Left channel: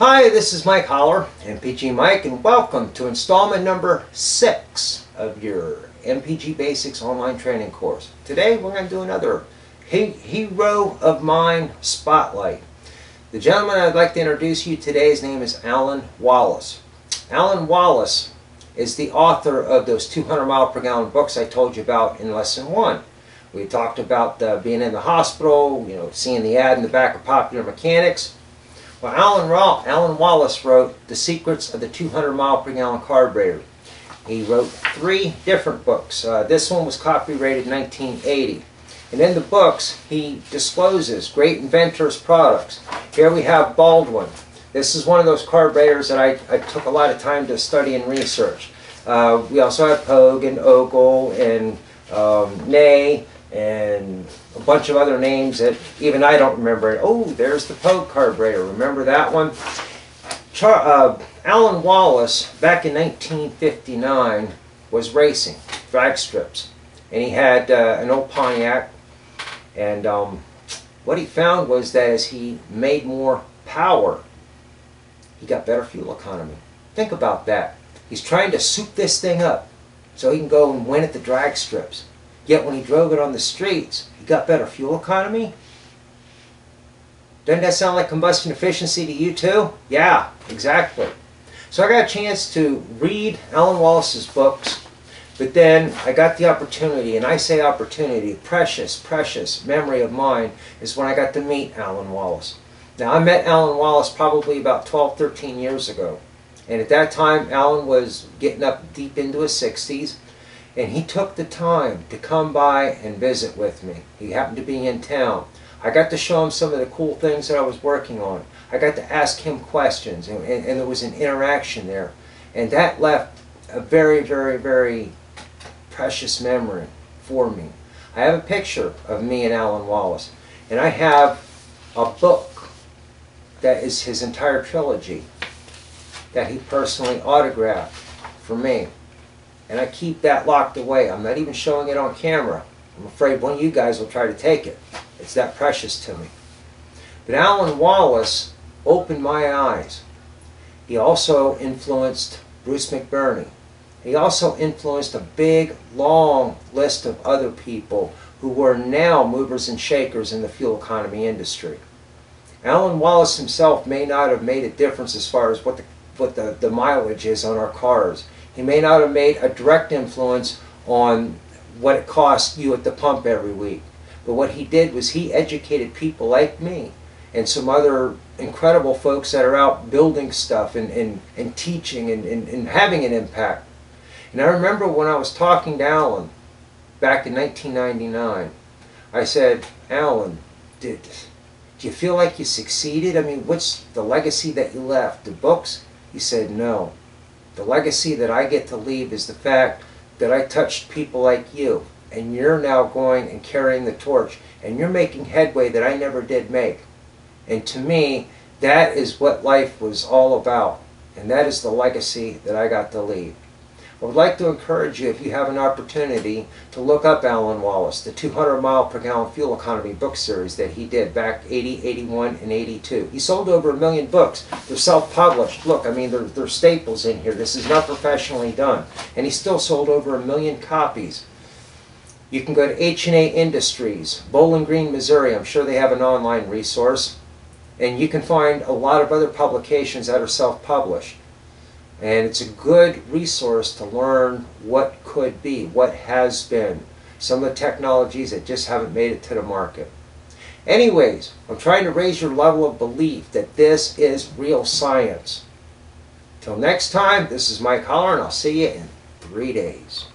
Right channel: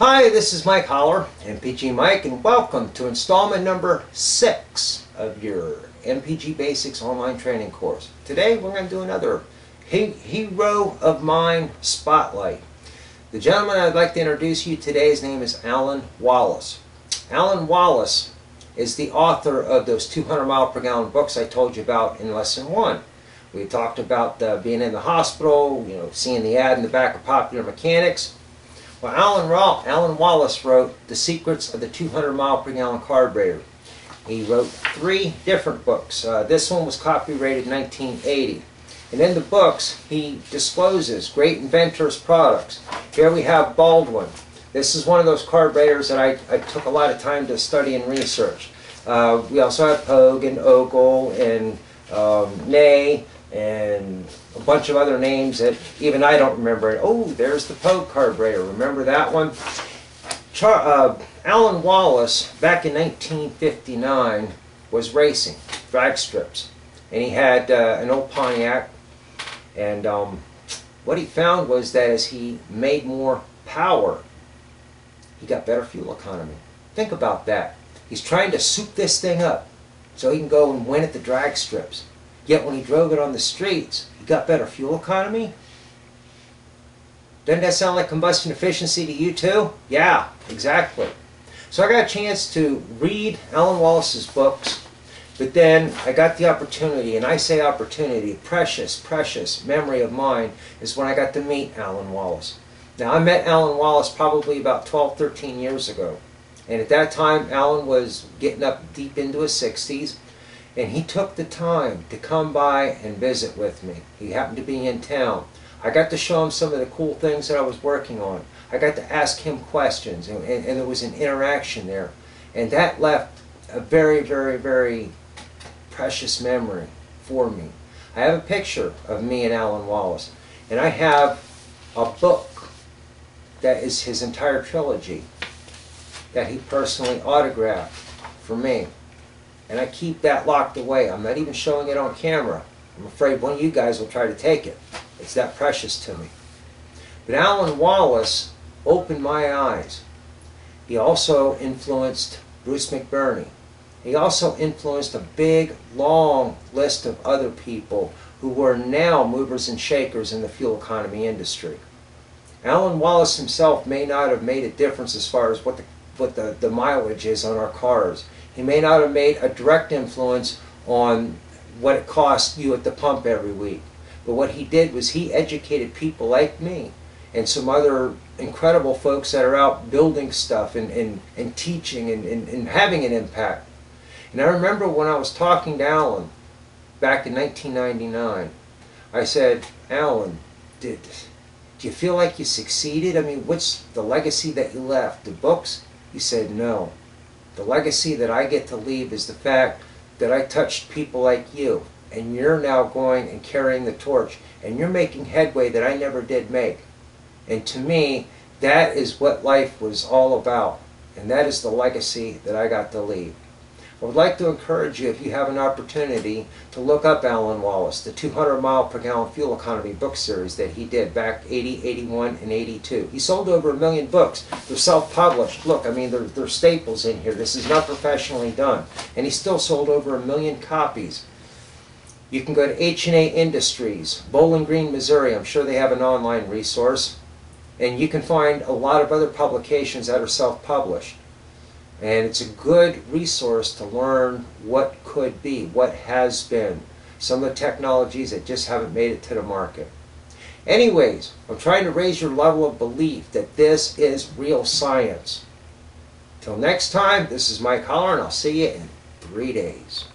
Hi, this is Mike Holler, MPG Mike, and welcome to installment number 6 of your MPG Basics online training course. Today we're going to do another hero of mine spotlight. The gentleman I'd like to introduce you today, his name is Allen Wallace. Allen Wallace is the author of those 200 mile per gallon books I told you about in lesson 1. We talked about being in the hospital, seeing the ad in the back of Popular Mechanics. Well, Allen Wallace wrote The Secrets of the 200 mile per gallon carburetor. He wrote 3 different books. This one was copyrighted in 1980. And in the books, he discloses great inventors' products. Here we have Baldwin. This is one of those carburetors that I took a lot of time to study and research. We also have Pogue and Ogle and Ney and a bunch of other names that even I don't remember. Oh, there's the Pogue carburetor. Remember that one? Allen Wallace, back in 1959, was racing drag strips. And he had an old Pontiac. And what he found was that as he made more power, he got better fuel economy. Think about that. He's trying to soup this thing up so he can go and win at the drag strips. Yet when he drove it on the streets, he got better fuel economy. Doesn't that sound like combustion efficiency to you too? Yeah, exactly. So I got a chance to read Allen Wallace's books, but then I got the opportunity, and I say opportunity, precious, precious memory of mine, is when I got to meet Allen Wallace. Now I met Allen Wallace probably about 12, 13 years ago. And at that time, Allen was getting up deep into his 60s. And he took the time to come by and visit with me. He happened to be in town. I got to show him some of the cool things that I was working on. I got to ask him questions, and there was an interaction there. And that left a very, very, very precious memory for me. I have a picture of me and Allen Wallace. And I have a book that is his entire trilogy that he personally autographed for me. And I keep that locked away. I'm not even showing it on camera. I'm afraid one of you guys will try to take it. It's that precious to me. But Allen Wallace opened my eyes. He also influenced Bruce McBurney. He also influenced a big, long list of other people who were now movers and shakers in the fuel economy industry. Allen Wallace himself may not have made a difference as far as what the mileage is on our cars. He may not have made a direct influence on what it costs you at the pump every week. But what he did was he educated people like me and some other incredible folks that are out building stuff and teaching and having an impact. And I remember when I was talking to Allen back in 1999, I said, Allen, do you feel like you succeeded? I mean, what's the legacy that you left? The books? He said, no. The legacy that I get to leave is the fact that I touched people like you, and you're now going and carrying the torch, and you're making headway that I never did make. And to me, that is what life was all about, and that is the legacy that I got to leave. I would like to encourage you, if you have an opportunity, to look up Allen Wallace, the 200 mile per gallon fuel economy book series that he did back 80, 81, and 82. He sold over 1 million books. They're self-published. Look, I mean, they're staples in here. This is not professionally done. And he still sold over 1 million copies. You can go to H&A Industries, Bowling Green, Missouri. I'm sure they have an online resource. And you can find a lot of other publications that are self-published. And it's a good resource to learn what could be, what has been, some of the technologies that just haven't made it to the market. Anyways, I'm trying to raise your level of belief that this is real science. Till next time, this is Mike Holler, and I'll see you in 3 days.